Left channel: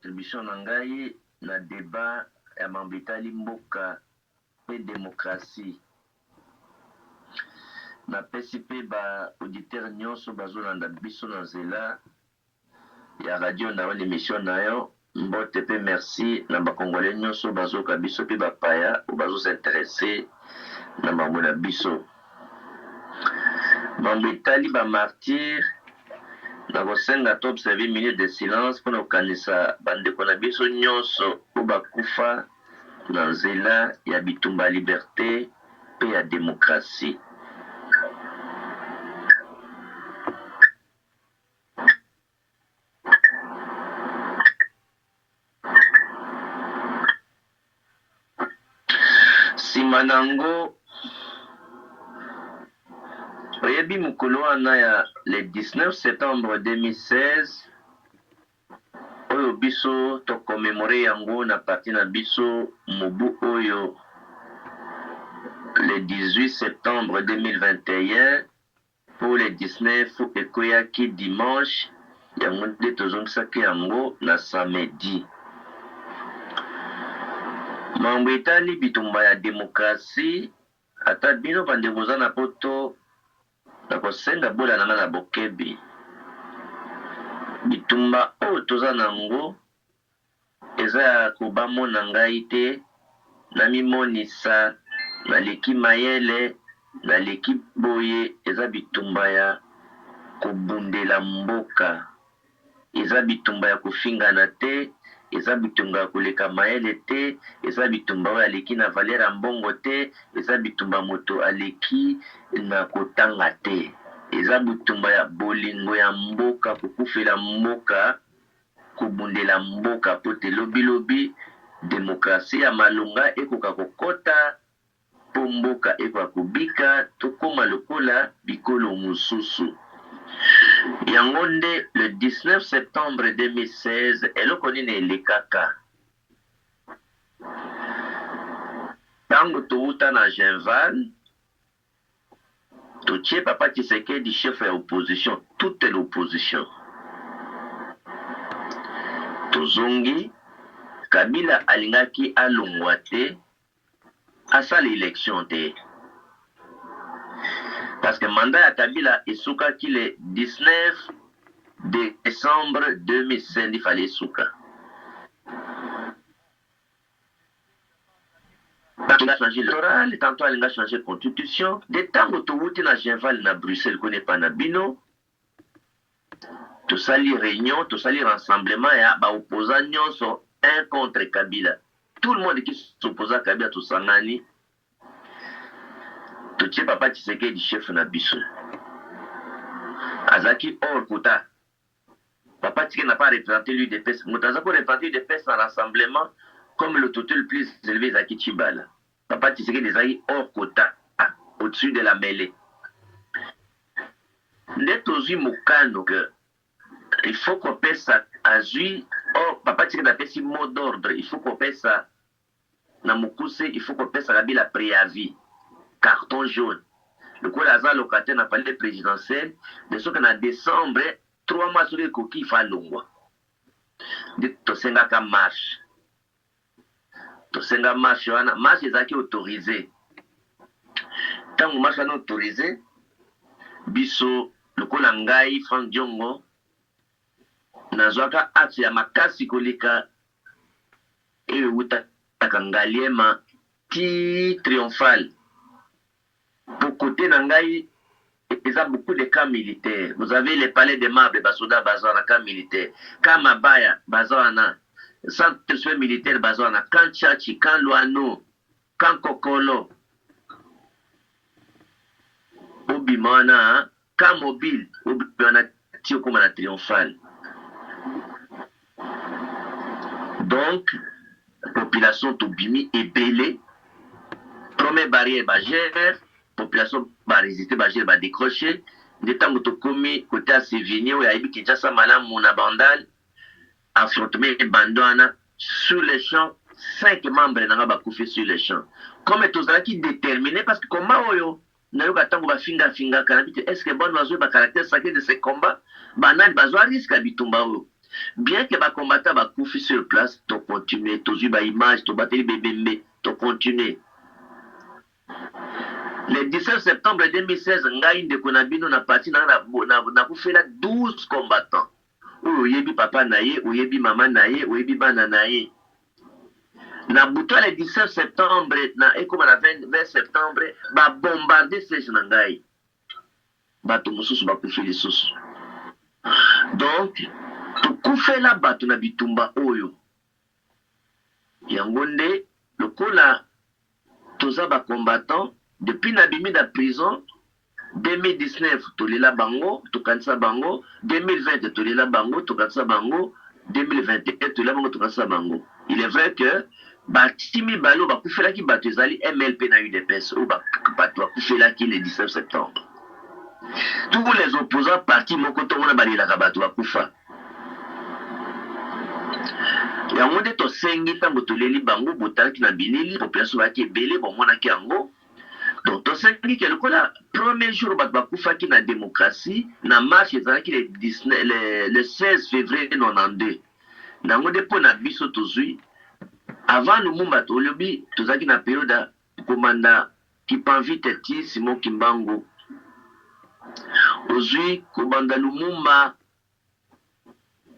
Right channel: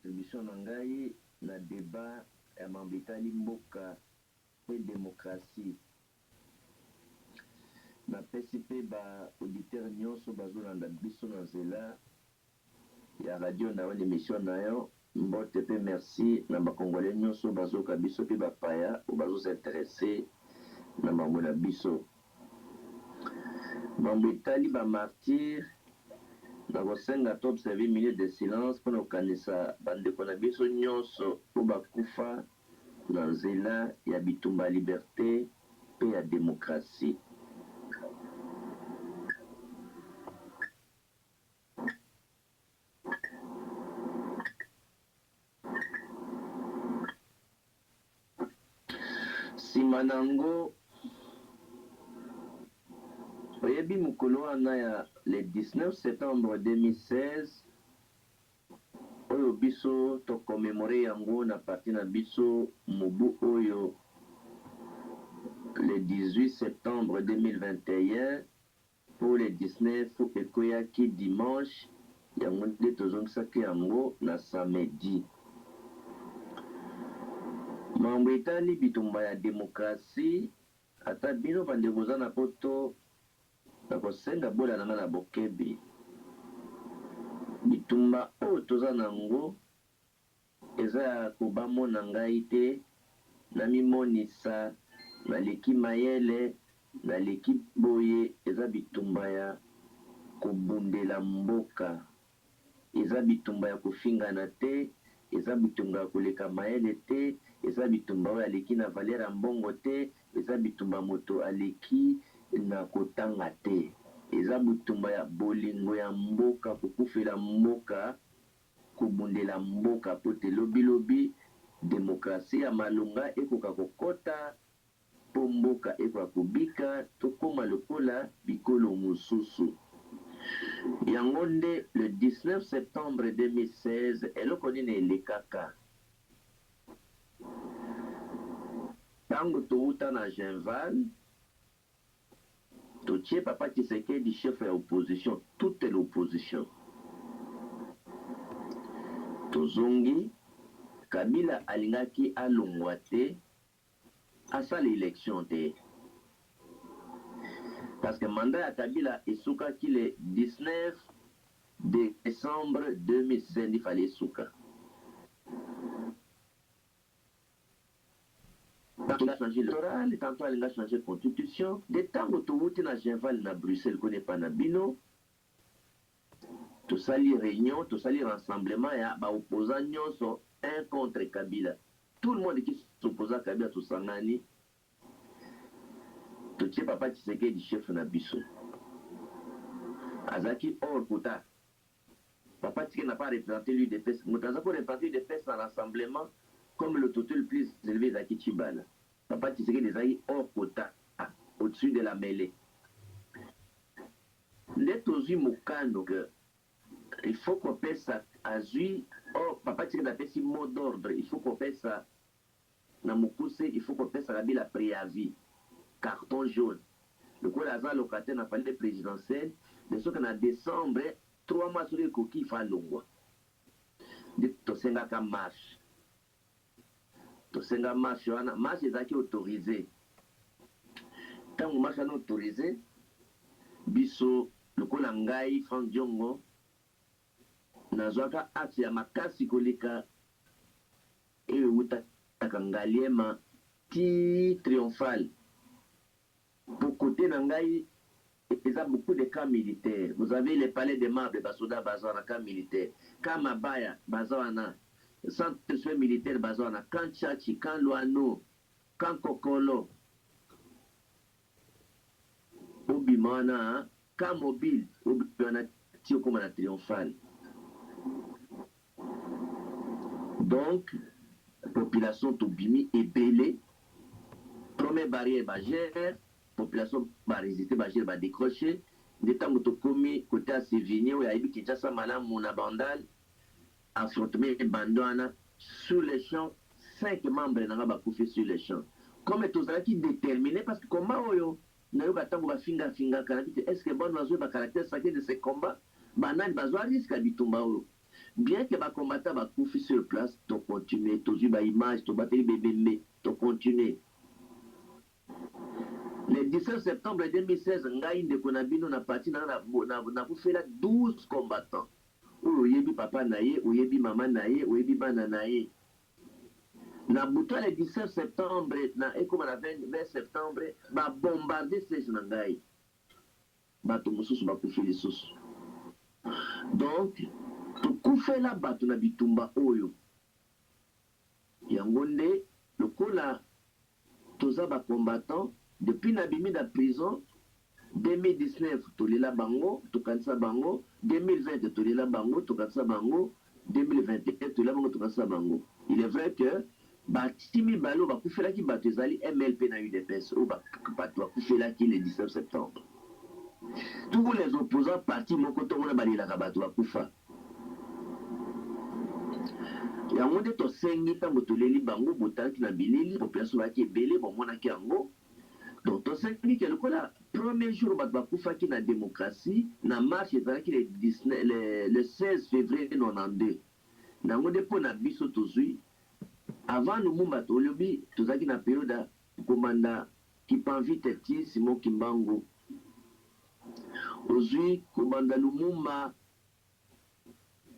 contribution na ngai na débat ya mambo etali mboka pe démocratie. Napesi pe ba auditeur nyonso bazolanda biso na nzela ya radio na l'émission na yo mbote pe merci na bakongolais nyonso bazoka biso pe bapaya o bazosintéresse na mambo na biso. Mambo etali ba martyr na kosenga to observer minute de silence mpona kokanisa bandeko na biso nyonso o bakufa na nzela ya bitumba ya liberté pe ya démocratie. Nsima nango oyebi mokolo wana ya le 19 septembre 2016 oyo biso tokomemore yango na parti na biso mobu oyo le 18 septembre 2021 pour le 19 ekoyaki dimanche yango nde tozongisaki yango na samedi. Mambo etali bitumba ya demokrasi ata bino bandeko za na poto na kosenga bola nanga na bokebi bitumba oyo toza nango eza ya kobamona ngai te na mimonisa naleki mayele naleki boye eza bitumba ya kobundela mboka eza bitumba ya kofingana te eza bitumba ya koleka mayele te eza bitumba oyo aleki na valeur ya mbongo te eza bitumba moto aleki na kotanga te eza bitumba ya bolingo ya mboka kokufela mboka kobundela mboka po te lobilobi demokrasi ya malonga ekoka kokota po mboka ekoka kobika tokoma lokola bikolo mosusu. Yango nde le 19 septembre 2016 eloko nini elekaka ntango touta na Genval totie Papa Tshisekedi chef ya opposition toute l'opposition tozongi Kabila alingaki alongwa te asala élection te parce que mandat ya Kabila esukaki le 19 décembre 2016 il fallait esuka. Tantôt il a changé l'électoral, tantôt il a changé la constitution. De temps où tu na Genval na Bruxelles connaît pas na bino. Tout ça les réunions, tout ça les rassemblements et ba opposants nyonso un contre Kabila. Tout le monde qui s'oppose à Kabila tout sangani. Tout ce Papa Tshisekedi chef na biso. Azaki hors quota. Papa Tshisekedi n'a pas représenté l'UDPS. Moutaza pour représenter l'UDPS dans rassemblement comme le total le plus élevé Zaki Chibala. Papa Tshisekedi est hors quota, au-dessus de la mêlée. Net aux Mokano que il faut qu'on passe ça à Zui. Oh, Papa Tshisekedi a fait si mot d'ordre. Il faut qu'on passe ça. Na Mokuse, il faut qu'on passe ça la préavis. Carton jaune. Le coup Lazare locataire n'a pas le présidentiel. De ce qu'on a décembre, 3 mois sur les coquilles, il faut l'ongwa. De Tosenga ka marche. Tosenga marche, marche est autorisé. Tant que marche est autorisé, biso, le coup Langai, Franck Diongo, Nazwaka acte ya makasi kolika, et Wuta Takangaliema, ti triomphal. Pour côté Nangaï, il y a beaucoup de camps militaires. Vous avez les palais de Marbre, Basoda, Bazana, camp militaire. Camp Mabaya, Bazana. Centre de soins militaires, Bazana. Camp Tchachi, Camp Luano, Camp Kokolo. Obimana, Camp Mobile, Obimana, Tiokomana Triomphal. Donc, la population d'Obimi est belée. Première barrière, Bagère. Population va résister, va décrocher. De temps que tu commis côté à Sévigné, où il y a eu Kinshasa, Malam, Mounabandal, affrontement Bandouana, sur les champs, 5 membres n'ont pas fait sur les champs. Comme tout ça qui déterminé, parce que comment yo, n'a eu qu'à temps que finga, est-ce que bon oiseau, le caractère sacré de ces combats, banan, bazoa risque à bitumba. bien que les combattants bakufi sur place, tu continues, tu as une image, tu battu les bébés, tu continues. Le 17 septembre 2016, ngai ndeko na bino na parti na kufela 12 combattants. Oyebi papa na ye, oyebi mama na ye, oyebi bana na ye. Na buta le 17 septembre, na ekoma na 20 septembre, ba bombarder siège na ngai. Bato mosusu bakufi lisusu. Donc, tukufela bato na bitumba oyo. Yango nde lokola toza ba combattant depuis na bimi da prison 2019 tolela bango tokanisa bango 2020 tolela bango tokanisa bango 2021 tolela bango tokanisa bango. Il est vrai que batimi balo bakufelaki bato ezali MLP na UDPS ou bato bakufelaki le 17 septembre. Tous les opposants partis moko tongona balelaka bato bakufa. Yango nde tosengi ntango toleli bango botalaki na bilili population baki ebele bomonaki yango. Donc tosengi ke lokola premier jour bato bakufaki na démocratie na marche ezalaki le 16 février 92. Nango nde mpo na biso tozwi avant Lumumba tolobi tozalaki na période komanda Kipanvite ti Simon Kimbangu. Ozwi kobanda Lumumba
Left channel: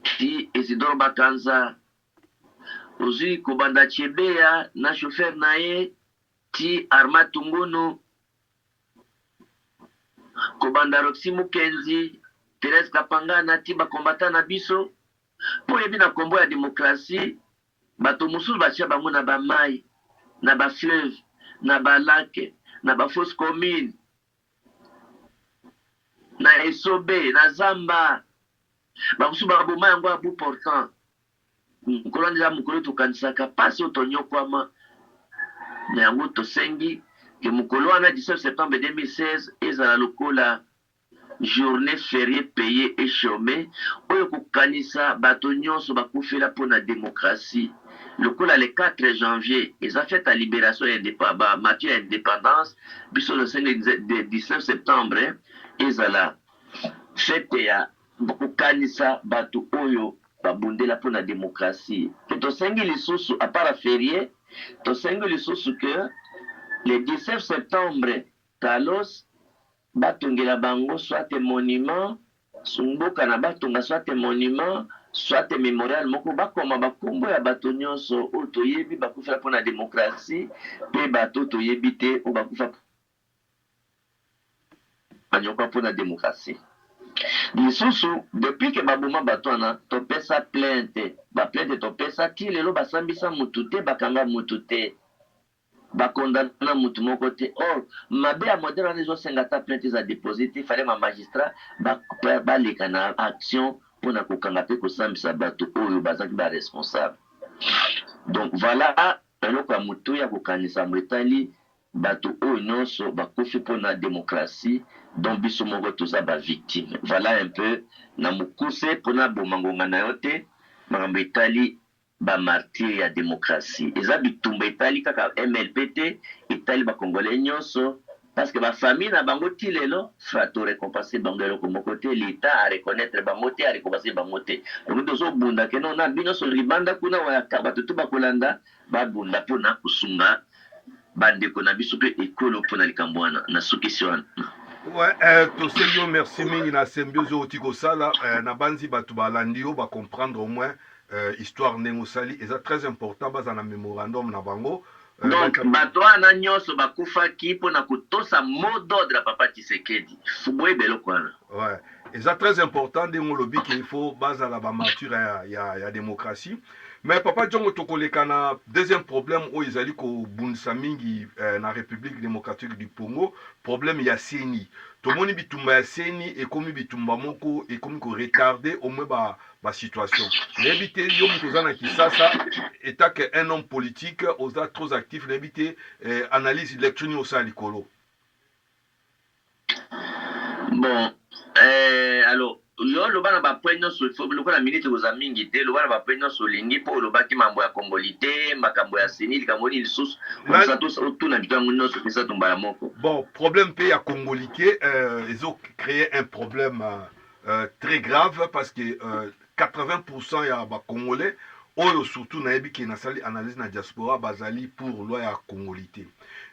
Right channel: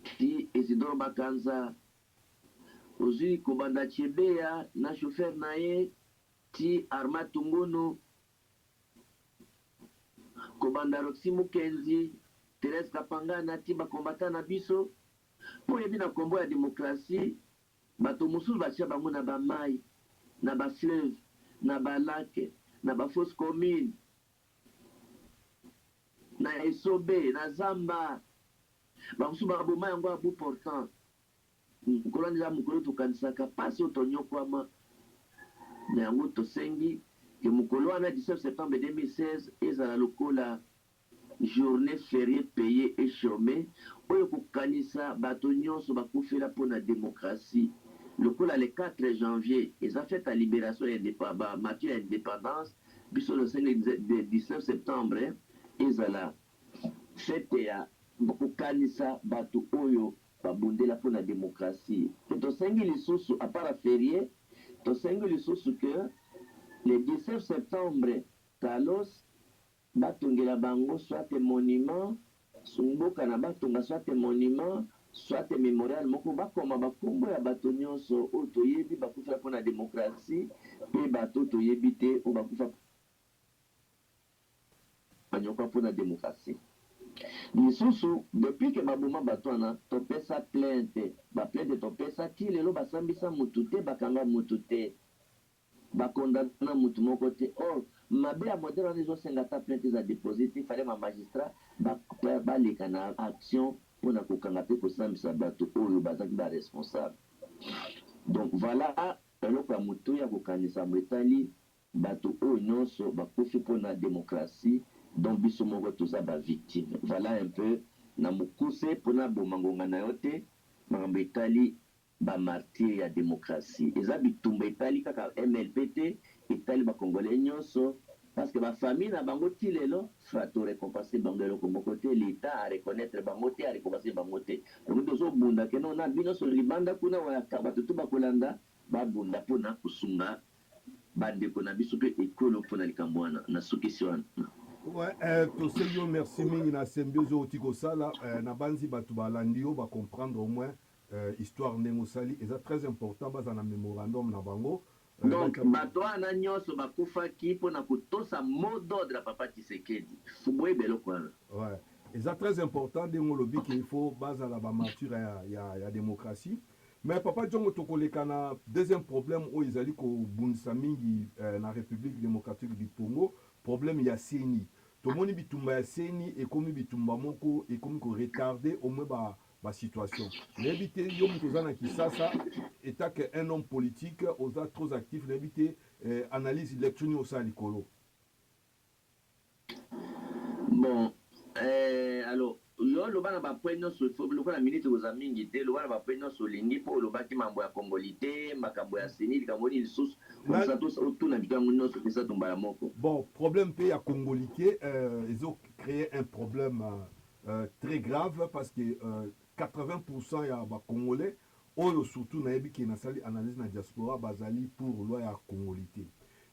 ti Isidore Bakanza. Ozwi kobanda Chebeya na chauffeur na ye ti Arma Tungono. Kobanda Roxy Mukenzi, Thérèse Kapangana ti bakombata na biso. Po yebi na kombo ya démocratie, bato mosusu batia bango na ba mai, na ba fleuve, na ba lac, na ba fosse commune, na Esobe, na Zamba. Bakusu baboma yango ya bout portant. Mukolo ndeja mukolo tokanisaka pasi otonyokwama. Na yango tosengi ke mukolo wana 17 septembre 2016 ezala lokola journée fériée payée et chômée oyo kokanisa bato nyonso bakufela mpona démocratie. Lokola le 4 janvier eza fête à libération ya matu ya indépendance biso le 19 septembre ezala fête ya kokanisa bato oyo babundela mpona démocratie. Ke tosengi lisusu apara férié tosengi lisusu que le 17 septembre Kalos batongela bango soit monument sumboka na batonga soit monument soit mémorial moko bakoma bakombo ya bato nyonso oyo toyebi bakufela mpona démocratie mpe bato toyebi te oyo bakufa banyoka mpona démocratie. Lisusu depuis ke baboma bato wana topesa plainte baplainte topesa ti lelo basambisa mutu te bakanga mutu te bakondana mutu moko te. Or mabe ya modele wana ezosenga ta plainte eza déposé te fale ma magistrat baleka na action mpona kokanga mpe kosambisa bato oyo bazaki baresponsable. Donc voilà eloko ya motu ya kokanisa mo etali bato oyo nyonso bakufi mpona démocratie donc biso moko toza bavictime. Voilà un peu na mokuse mpona bomangonga na yo te makambo etali bamartir ya démocratie. Eza bitumba etali kaka MLP te etali bakongolais nyonso parce que bafamille na bango ti lelo fa torécompense bango eloko moko te l'état areconnaître bango te arécompense bango te. Donc tozobunda ke non na bino so libanda kuna bato to bakolanda babunda mpona kosunga bandeko na biso mpe ekolo mpona likambo wana na sukisi wana. Ouais, tosengi yo merci mingi na symbiose oti kosala na banzi bato balandi yo comprendre au moins histoire ndenge osali eza très important baza na mémorandum na bango. Donc bato wana nyonso bakufaki mpona kotosa mot d'ordre ya papa Tshisekedi boyeba eloko wana. Ouais, eza très important ndenge olobi ke il faut bazala bamarture ya démocratie. Mais papa Djongo tokoleka na deuxième problème oyo ezali kobundisa mingi na République démocratique du Congo, problème ya CENI. Tomoni bitumba ya CENI ekomi bitumba moko ekomi ko retarder au moins ba situation. N'ebite yo muto zana Kisasa état que un homme politique osa trop actif n'ebite analyse électronique au sa likolo. Bon, alors yo loba na bapoint nyonso lokola minute koza mingi te loba na bapoint nyonso olingi mpo olobaki mambo ya kongoli te makambo ya seni likambo nini lisusu otuna bikango nyonso pesa tombala moko. Bon, problème mpe ya kongoli ke ezo créer un problème très grave parce que 80% ya Congolais, oyo surtout nayebi ke nasali analyse na diaspora bazali pour loi ya congolité.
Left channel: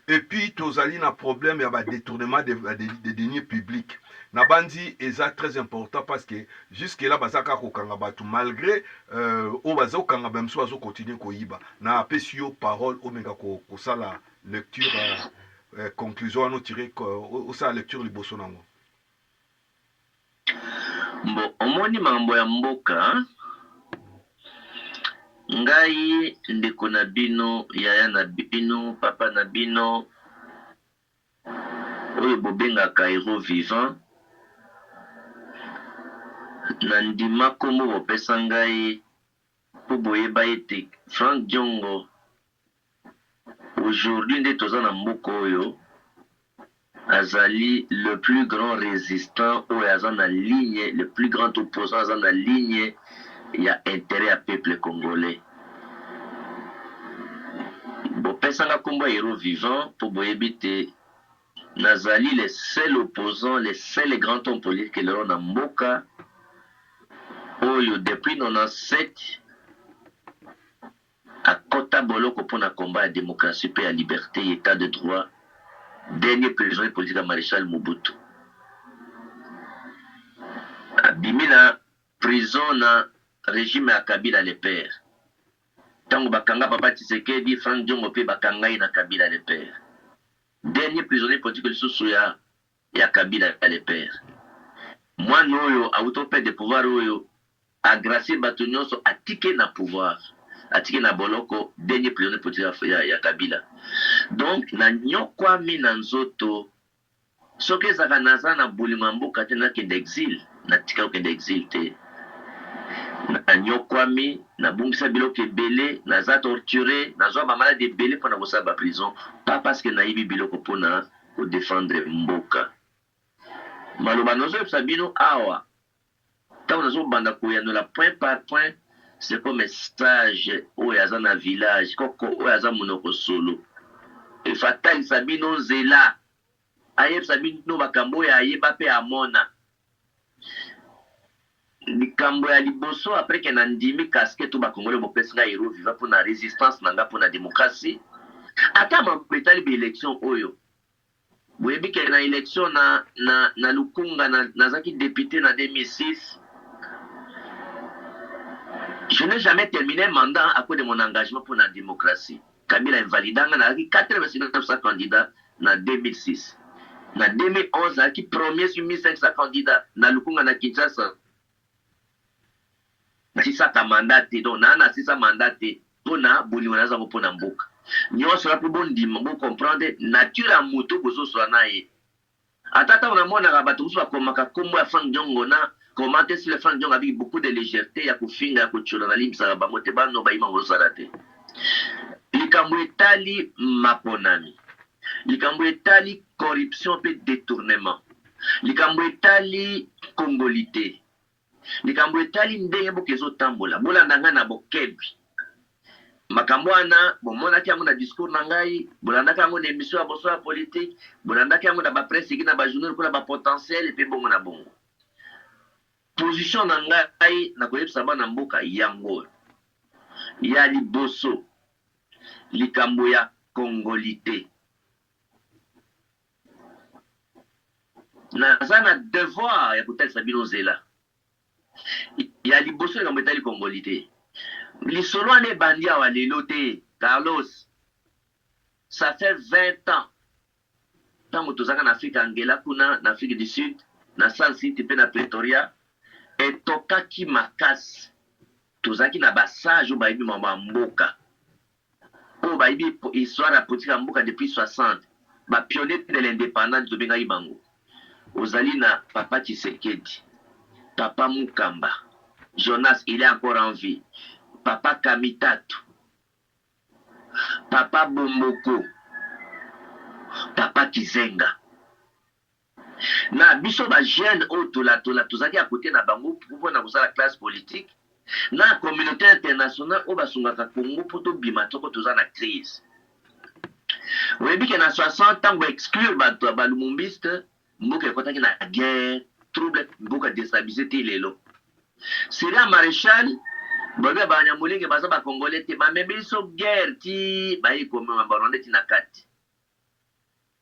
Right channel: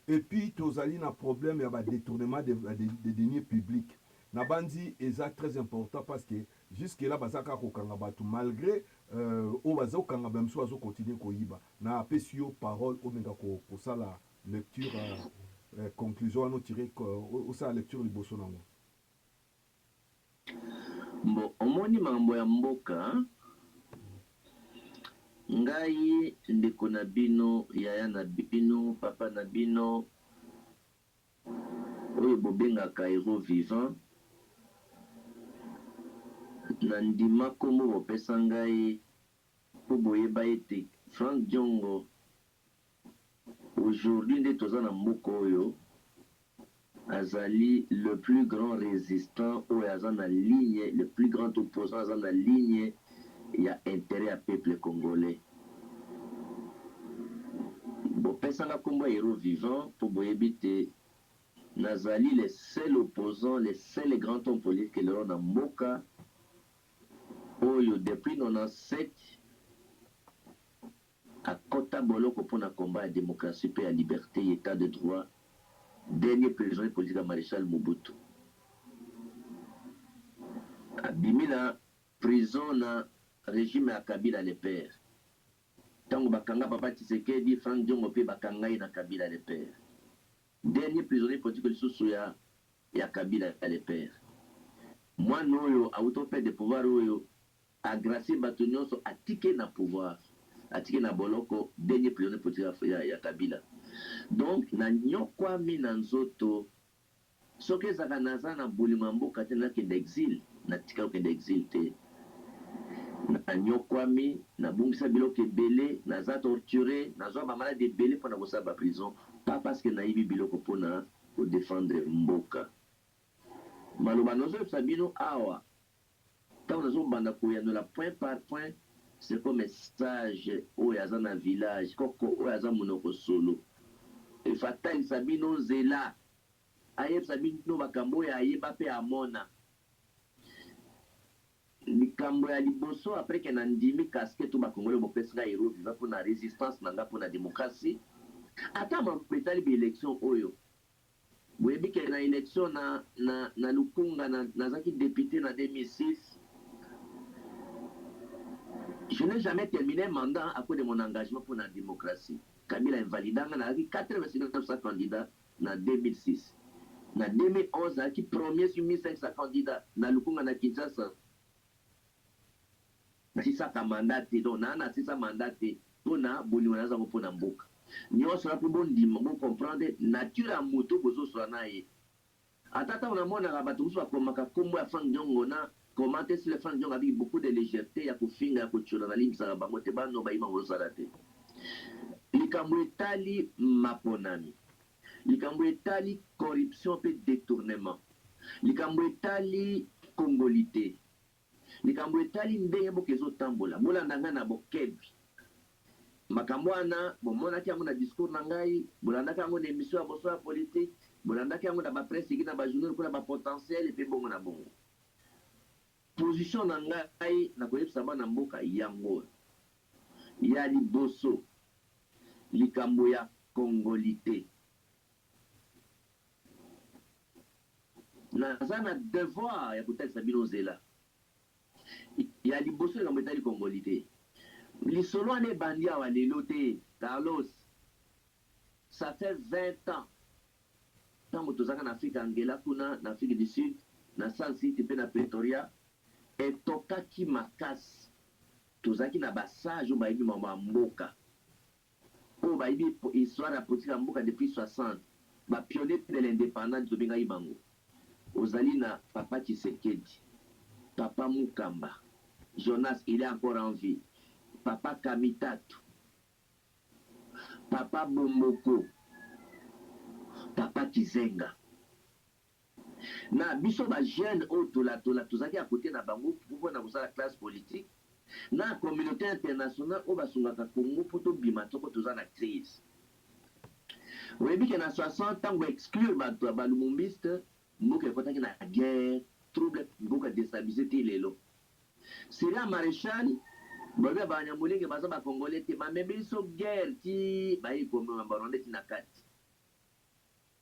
Et puis tozali na problème ya détournement de deniers publics. Na bandi eza très important parce que jusque là bazaka kokanga batu malgré o bazo kanga bamso bazo continuer koyiba. Na apesi yo parole o menga ko sala lecture conclusion ano tiré o sa lecture liboso nango. Bon, omoni mambo ya mboka ngai ndeko na bino yaya na bino papa na bino oyo bobengaka héros vivant na ndima kombo bopesa ngai po boyeba ete Frank Diongo aujourd'hui nde toza na mboka oyo azali le plus grand résistant oyo aza na ligne, le plus grand opposant aza na ligne ya intérêt ya peuple congolais. Bopesanga kombo ya héros vivant po boyebi te nazali le seul opposant, le seul grand homme politique lelo na mboka oyo depuis 97 akota boloko mpona combat ya démocratie pe ya liberté et état de droit. Dernier prisonnier politique à Maréchal Mobutu. Abimi na prison na régime ya Kabila le père. Tango bakanga papa Tshisekedi, Frank Diongo pe bakanga na Kabila le père. Dernier prisonnier politique lisusu ya Kabila le père. Moi noyo auto père de pouvoir oyo agracier bato nyonso atike na pouvoir. Atike na boloko dernier prisonnier politique ya Kabila. Donc na nyokwami na nzoto soki ezaka naza na bolima mboka te nakende exil natika okende exil te na nyokwami nabungisa biloko ebele naza torturé nazwa bamalade ebele mpona kosala baprison pas parce que nayibi biloko mpona kodefendre mboka maloba nazoyebisa bino awa ntango nazobanda koyanola point par point c'est comme message oyo aza na village koko oyo aza monoko solo efatalisa bino nzela ayebisa bino makambo oyo ayeba mpe amona likambo ya liboso apres ke na ndimi casquette to bakongole bopesi ngai héros vivant mpona résistance na nga mpona démocratie ata mambo etali baélection oyo boyebi ke na élection na lukunga nazaki député na 2006. Je n'ai jamais terminé un mandat à cause de mon engagement pour la démocratie. Kabila invalidanga na 89 candidats en 2006. En 2011, il a premier sur 1500 candidats dans le Congo na Kinshasa. Si ça ta mandaté, donc na si ça mandaté, pour na boliwana za pour na mboka. Nyo sera pour bon dim, bon comprendre nature à moto bozo so na ye. Atata on a mona rabatu so komaka kombo ya Frank Diongo na commenter sur le Frank Diongo avec beaucoup de légèreté ya kufinga ya kuchola na limsa ba mote ba no ba ima ngosarate. Likambo etali maponami. Likambo etali corruption pe détournement. Likambo etali congolité. Likambo etali ndenge bokezo tambola. Bola ndanga na bokebi. Makambo wana bomonaki yango na discours na ngai, bolandaki yango na émission ya boso ya politique, bolandaki yango na ba presse ki na ba journal ko na ba potentiel pe bongo na bongo. Position na ngai na koyebisa bana mboka yango. Ya liboso likambo ya congolité. Naza na devoir ya kotalisa bino nzela. Ya liboso likambo etali congolité. Lisolo ane bandi awa lelo te, Carlos. Ça fait 20 ans. Tango tozaka na Afrique Angela kuna, na Afrique du Sud, na San City pe na Pretoria, etokaki makasi. Tozaki na basage ou baibi mamba mboka. O baibi histoire ya politique ya mboka depuis 60. Ba pionnier de l'indépendance tobenga ibango. Ozali na Papa Tshisekedi, Papa Mukamba, Jonas, il est encore en vie. Papa Kamitatu, Papa Bomboko, Papa Kizenga. Na biso ba jeune o tozaki à côté na bango pour na la classe politique. Na communauté internationale o basungaka Congo poto bima toko toza na crise. Oyebi ke na 60 ans exclure bato ba lumumbiste mboka ekotaki na guerre, trouble mboka déstabilisé te lelo. Syria maréchal babe banyamulinge baza ba congolais te bamemeli so guerre ti bayi komema barwandais ti na kati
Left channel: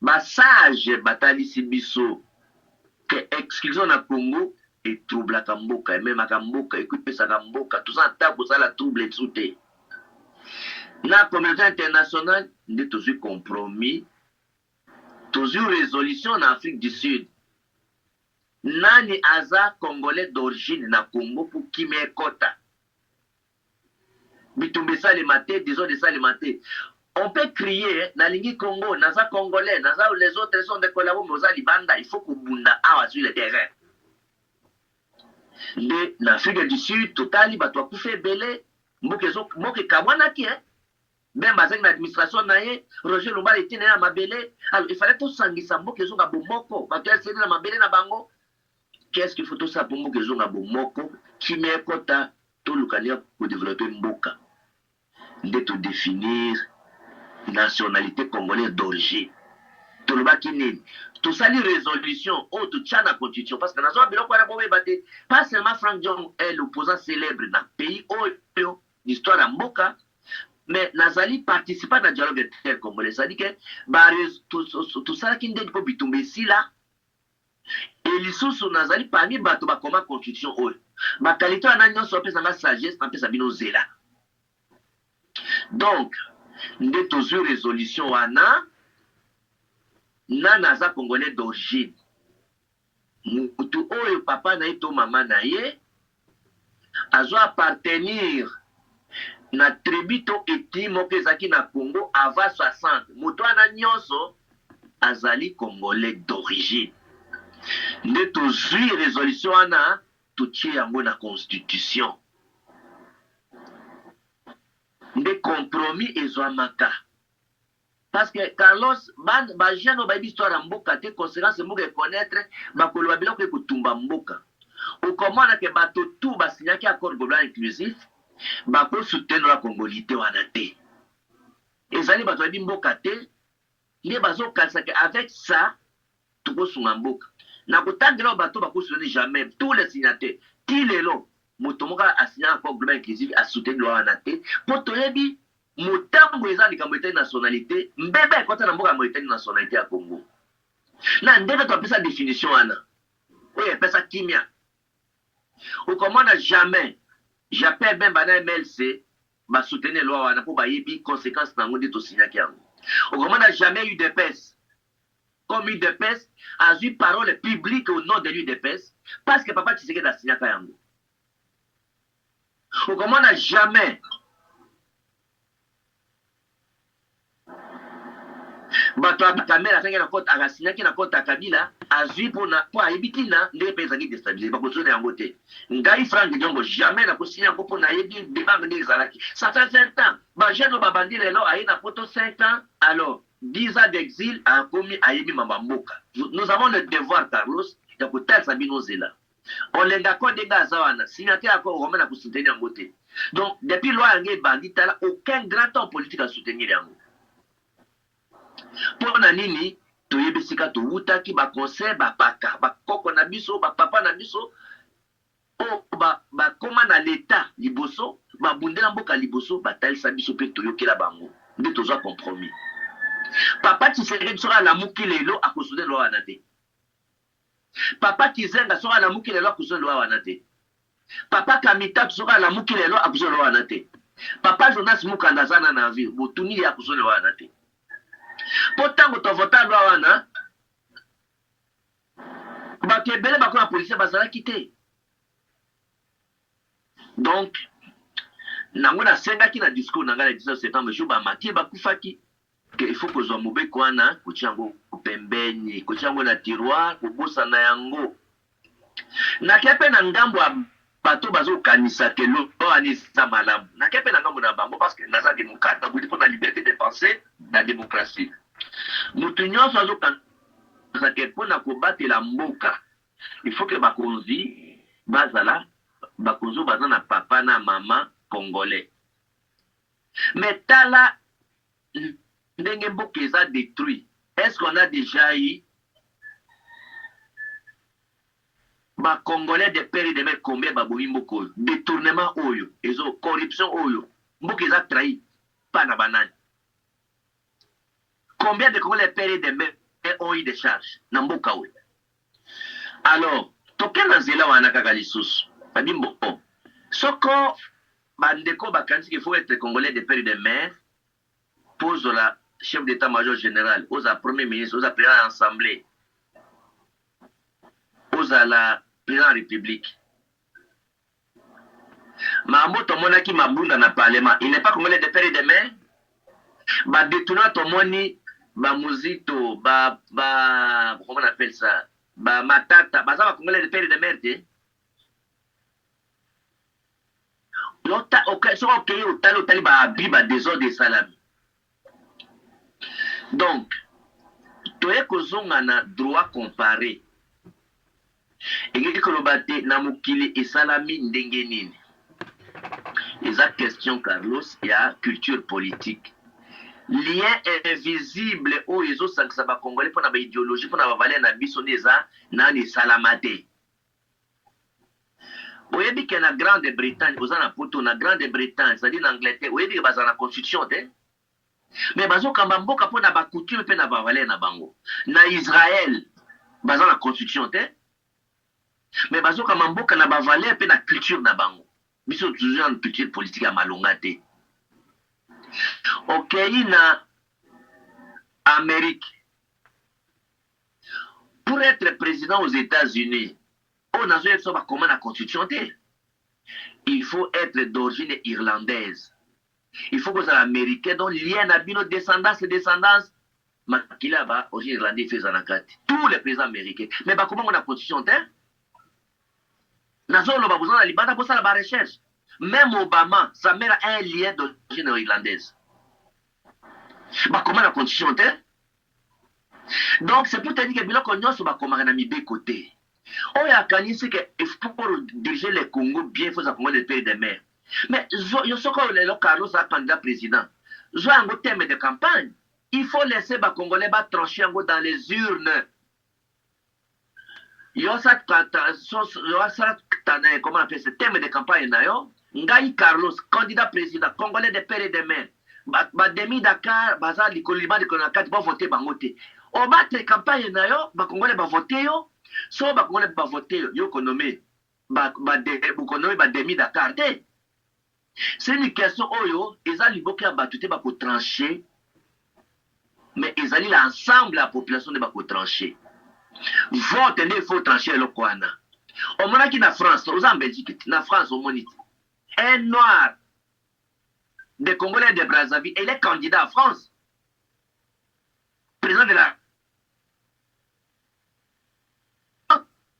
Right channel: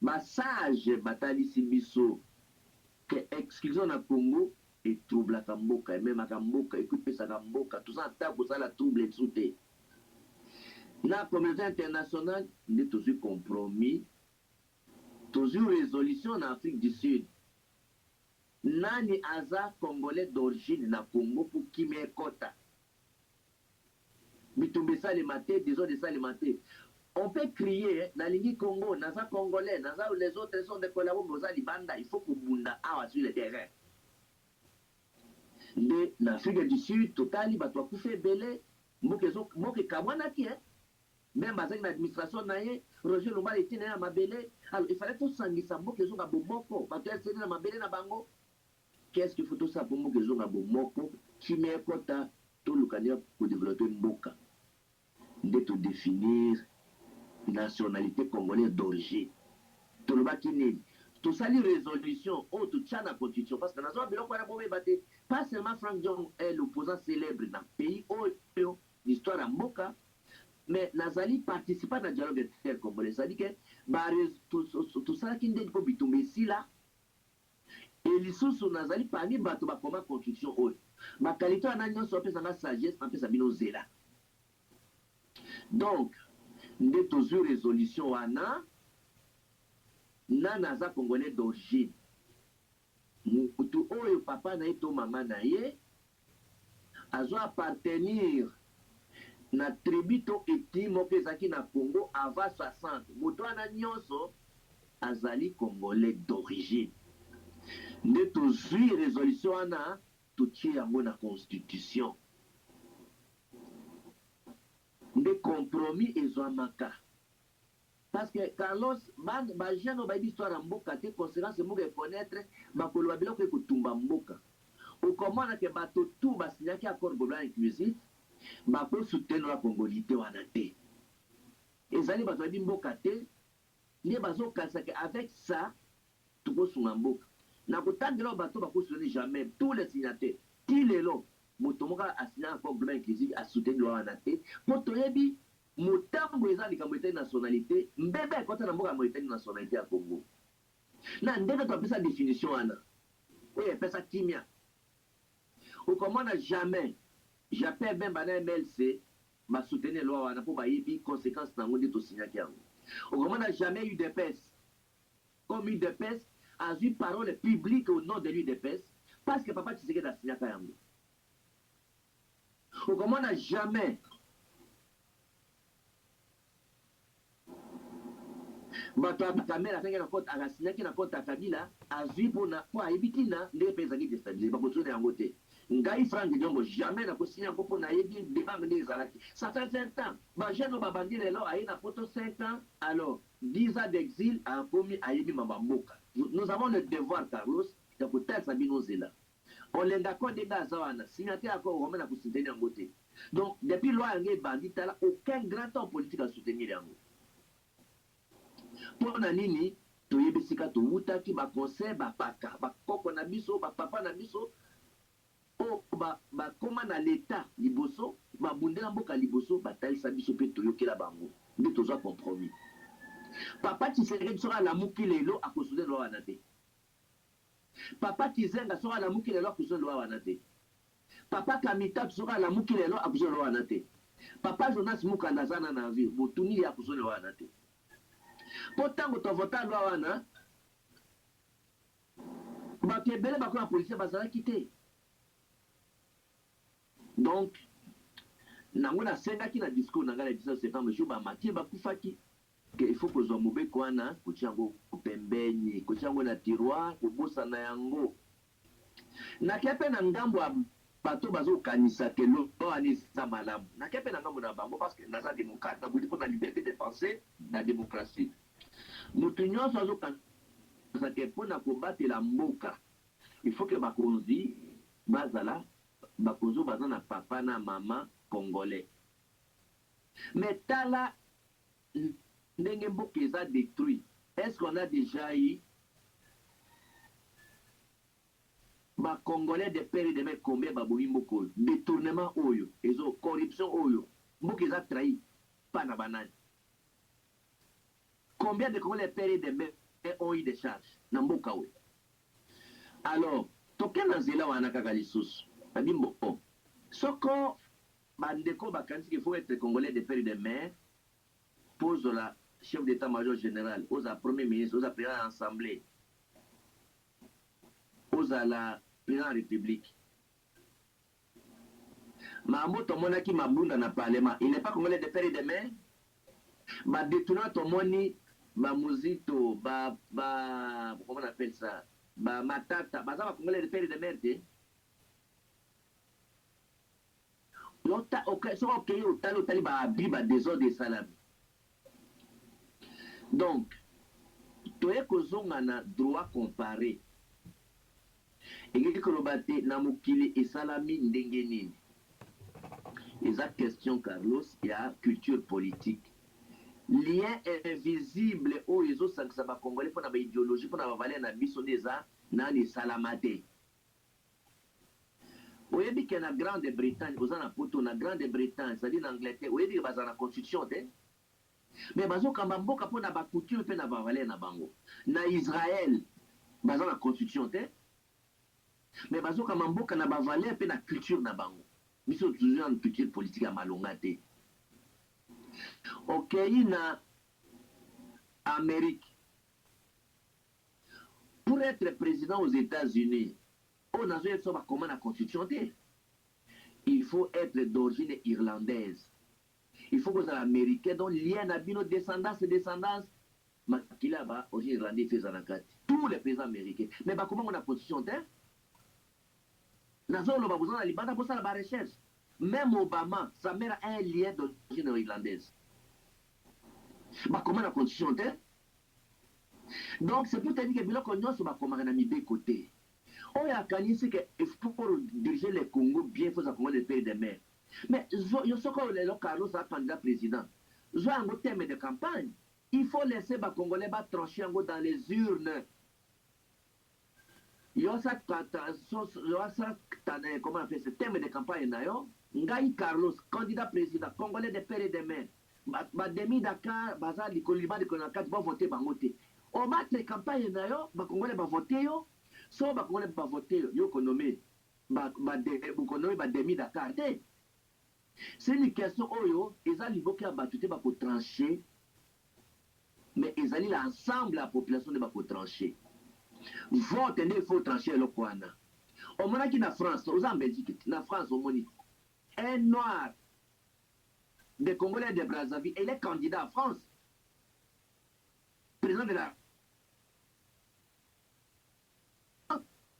basage batalisi biso ke exclusion na Congo etroublaka mboka ememaka mboka ekupesaka mboka toza ata kosala trouble etu te na communauté internationale nde tozwi compromis tozwi résolution na Afrique du Sud nani aza congolais d'origine na Congo po kimia ekota bitumba esalema te désordre esalema te. On peut crier nalingi Congo naza congolais naza les autres sont des collabos moza libanda il faut kubunda awa sur le terrain nde na Afrique du Sud totali bato akufa ebele mboka ekamwanaki même bazali na administration na ye Roger Lumbala etina ya mabele alors il fallait tosangisa mboka ezonga bomoko bato yaseli na mabele na bango qu'est-ce qu'il faut tosala po mboka ezonga bomoko kimia ekota tolukania kodévelopper mboka nde todéfinir nationalité congolaise d'origine tolobaki nini tosali résolution oyo totia na constitution parce que nazoa biloko wana boyeba te pas seulement Frank Diong est l'opposant célèbre na pays oyo l'histoire ya mboka mais nazali participant na dialogue intercongolais c'est-à-dire que tosalaki ndenge mpo bitumba esila e lisusu nazali parmi bato bakoma constitution oyo bakalite wana nyonso apesanga sagesse napesa bino zela donc nde tozwi résolution wana nana aza congolais d'origine mutu oyo papa na ye to mama na ye azo appartenir na tribu to ethnie moko ezalaki na Congo avant 60 mutu wana nyonso azali congolais d'origine nde tozwi résolution wana totie yango na constitution nde compromis ezwamaka parce que Carlos bajano bayebi histoire ya mboka te conséquence mboka econnaître bakoloba biloko ekotumba mboka okomona ke bato tu basinyaki accord global inclusif bakosoutenir la congolité wana te ezali bato bayebi mboka te nde bazokanisa ke avec ça tokosunga mboka na kotangela bato bakosoutenir jamais tous les signataires ti lelo moto moko asinya accord global inclusif asoutenir wana te mpo toyebi motambo eza likambo etali nationalité mbebe ekota na mboka yango etali nationalité ya Congo na ndenge topesa définition wana oyo epesa kimia okomona jamais japin bemba na MLC basoutenir loi wana mpo bayebi conséquence nango nde tosinyaki yango okomona jamais UDPS comme UDPS azwi parole publique au nom de l'UDPS parce que papa Tshisekedi asinyaka yango okomona jamais bato ya kamera asangi na kota akasinyaki na kota Kabila azwi mpo ayebi ntina ndenge mpe ezalaki déstabiliser bakosona yango te ngai Frank Diongo jamais nakosinya yango mpo nayebi débat ndenge ezalaki ça fait 20 ans bajeune oyo babandi lelo aye na poto 5 ans alors 10 ans d'exil akomi ayebi mamba mboka nous avons le devoir Carlos ya kotalisa bino zela olengako ndenge aza wana signataire yako okoma na kosoutenir yango te donc depuis loi yango ebandi tala aucun grand homme politique asoutenir yango mpo na nini toyebi sika towutaki baconseil bapaka bakoko na biso bapapa na biso oyo bakoma na leta liboso babundela mboka liboso batalisa biso mpe toyokela bango nde tozwa compromis papa Tshisekedi soki alamuki lelo akosoutenir loi wana te papa Kizenga soki alamuki lelo akosoutenir loi wana te papa Kamitatu soki alamuki lelo akosoutenir loi wana te papa Jonas Mukanda aza na vie botuni ye akosoutenir loi wana te mpo ntango tovota lwa wana bato ebele bakona policier bazalaki te donc nango nasengaki na discours na ngai na 19 septembre jour bamatie bakufaki ke il faut kozwa mobeko wana kotia yango pembeni kotia yango na tiroir kobosana yango nakia mpe na ngambo ya bato bazokanisa ke loani eza malamu nakia mpe na ngambo na bango parce que naza démocrate nabuti mpo na liberté de penser na démocratie moto nyonso azokanisa ke mpo na kobatela mboka il faut ke bakonzi bazala bakonzi baza na papa na mama congolais mais tala ndenge mboka eza détruit est-ce qu'on a déjà eu ba Congolais de père et de mère combien ba boyi mboka oyo détournement oyo ezo corruption oyo mboka eza trahi pa na banani combien de Congolais de père et de mère ont eu des charges na mboka oyo alors toke na nzela wana kaka lisusu babi bon soko bandeko bakanisi qu'il faut être Congolais de père et de mère pose la chef d'état-major général aux premier ministre aux président de l'assemblée aux la président de la république mambo tomonaki mabunda na parlement il n'est pas Congolais de père et de mère badétourna tomoni bamuzito comment on appelle ça bamatata baza bakongolais de père et de mère te soki okei otali baabi badésordre esalami donc toye kozonga na droit comparé engeki koloba te na mokili esalami ndenge nini eza question Carlos ya culture politique lien invisible oyo ezosangisa bakongolais mpona baidéologie mpona bavaler na biso nde eza nani esalama te oyebi ke na grande bretagne oza na poto na grande bretagne c'est-à-dire na angleterre oyebi ke baza na constitution te mais bazokamba mboka mpona bacoutume mpe na bavaler na bango na israel baza na constitution te mais bazokamba mboka na bavaler mpe na culture na bango biso toujours na culture politique ya malonga te okei na Amérique pour être président aux États-Unis on a besoin de comment la constitution te il faut être d'origine irlandaise il faut que ça américain donc lien à bino descendance makila ba origine irlandaise fait zanakati tous les présidents américains mais bah comment on a constitution te nazolo ba besoin de libanda pour ça la recherche même Obama sa mère a un lien d'origine irlandaise bah comment la constitution te donc c'est pour te dire que biloko nyonso bakomaka na mibeko te oyo akanisi ke pour diriger le Congo bien il faut Congo le pays de mer mais yo soko lelo Carlos a candidat président zo yango thème de campagne il faut laisser ba Congolais ba trancher yango dans les urnes yo sa comment on appelle ce thème de campagne na yo ngai Carlos candidat président Congolais de père et de mère ba demi Dakar baza likolo liba de konakati ba voter bango te o battre campagne na yo ba Congolais ba voter yo so ba Congolais ba voter yo konomé ba demi Dakar te c'est une question oyo eza liboka ya bato te bako trancher mais ezali l'ensemble la population de bako trancher vote nde il faut trancher eloko wana omonaki na France oza en Belgique na France omoni un noir de Congolais de Brazzaville il est candidat à France président de la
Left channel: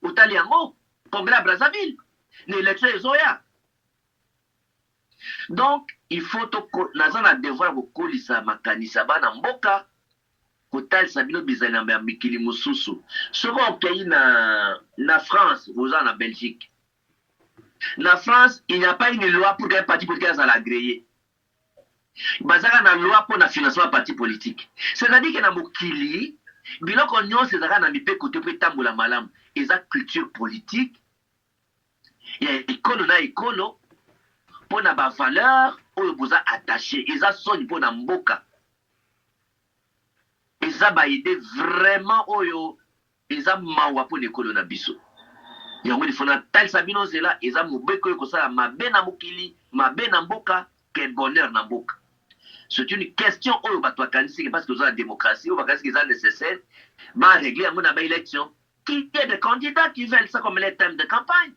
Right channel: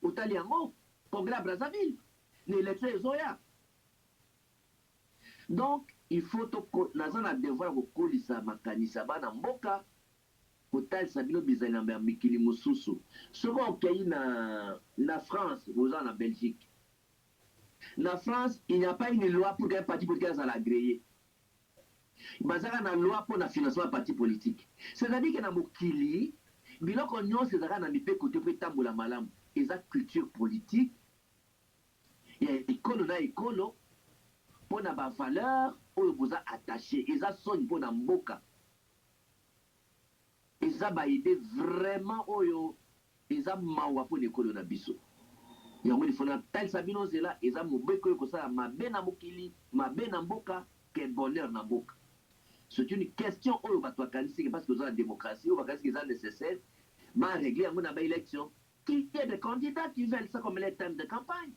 otali yango Congrès à Brazzaville na élection ezoya donc il faut naza na devoir kokolisa makanisa bana mboka kotalisa bino bizali na mikili mosusu soki okei na France oza na Belgique na France il n'y a pas une loi pour qu'un parti politique azala agréé bazaka na loi pour na financement ya parti politique c'est-à-dire que na mokili biloko nyonso ezalaka na mipeko te mpo etambola malamu eza culture politique ya ekolo na ekolo mpo na bavaleur oyo boza attaché eza soni mpo na mboka eza baide vraiment oyo eza mawa mpo na ekolo na biso yango ilifo natalisa bino nzela eza mobeko oyo kosala mabe na mokili mabe na mboka ke bonheur na mboka c'est une question oyo bato bakanisiki parce que oza na démocratie oyo bakanisiki eza nécessaire barégler yango na baélection qui est des candidats qui veulent ça comme les thèmes de campagne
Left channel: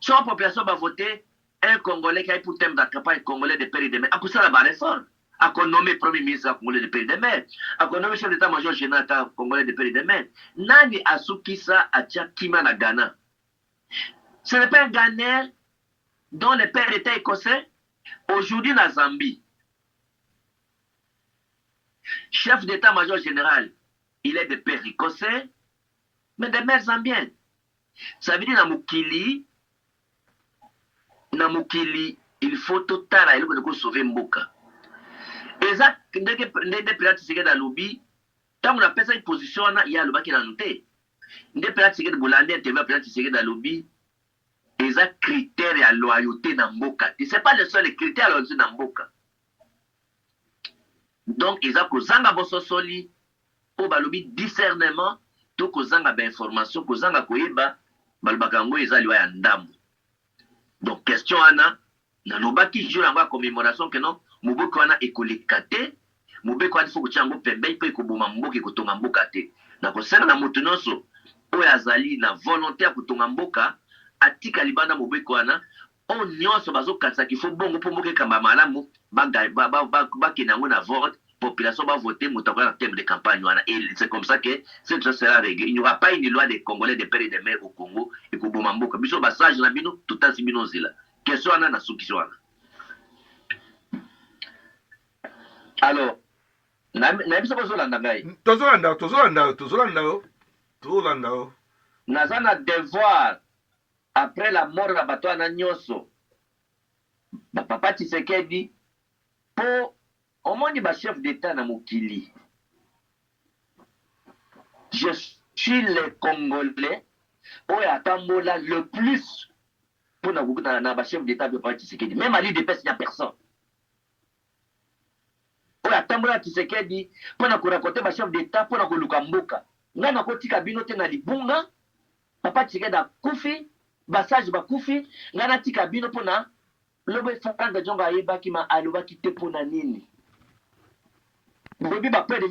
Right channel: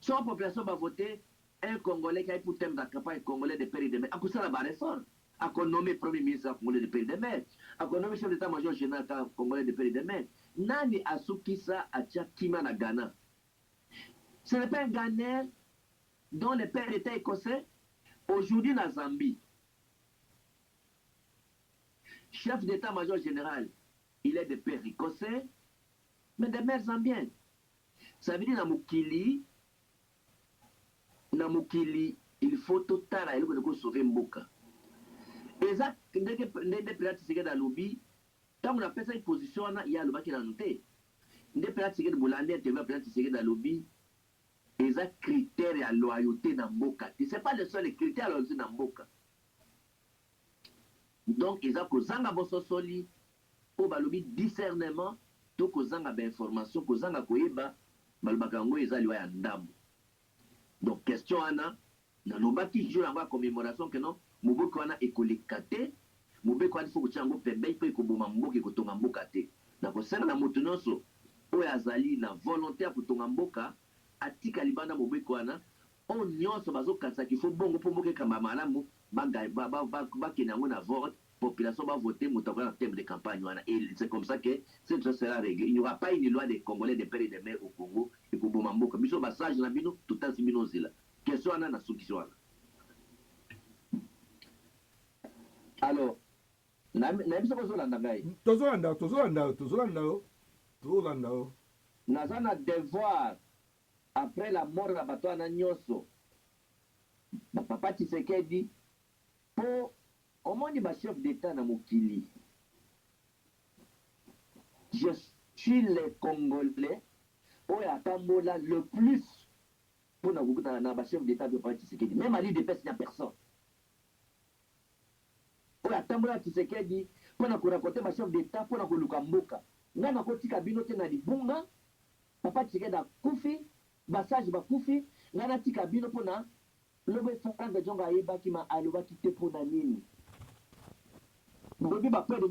so la population va voter un Congolais qui a pour thème de campagne Congolais de père et de mère akosala baréforme akonommé premier ministre Congolais de père et de mère akonommé chef d'état-major général Congolais de père et de mère nani asukisa atia kima na Ghana ce n'est pas un Ghanéen dont le père était écossais aujourd'hui na Zambie chef d'état-major général il est de père écossais mais de mère zambienne ça veut dire na mokili il faut totala eloko de sauver mboka eza ndenge président Tshisekedi alobi ntango napesa position wana ye alobaki nanu te nde mpena Tshisekedi bolandi interview mpena Tshisekedi alobi eza critère ya loyauté na mboka. C'est pas le seul critère ya loyauté na mboka. Donc eza kozanga bososoli po balobi discernement to kozanga ba information kozanga koyeba balobaka yango eza liwa ya ndambo. Donc question wana nalobaki jour yango ya commémoration que non moboko wana ekoleka te, mobeko wana faut kotia yango pembeni mpo ekoboma mboka ekotonga mboka te. Na kosenga na moto nyonso oyo azali na volonté ya kotonga mboka atika libanda mobeko wana o nyonso bazokatisa kifo bongo mpo mboka ekamba malamu bakende yango na vote population va voter moutakola en termes de campagne wana. Et c'est comme ça que cette chose sera réglée. Il n'y aura pas une loi des Congolais de père et de mère au Congo et que Boumamboka biso basage na bino tout à sibino zila question wana na sukisho wana. Alors na biso bozolanda ngai tozolanda naza na devoir après la mort na bato wana nyonso papa Tshisekedi po omoni ba chef d'état na mokili. Je suis le Congolais oyo atambola le plus pour na ba chef d'état de papa Tshisekedi. Même à l'IDPS il n'y a personne. Oyo atambola Tshisekedi pour na korakote ba chef d'état pour na koluka mboka. Nga na kotika bino te na libunga papa Tshisekedi akufi basage bakufi nga na tika bino pour na lobe Franga Jonga ayebaki ma alobaki te pour na nini. Bobi ba près de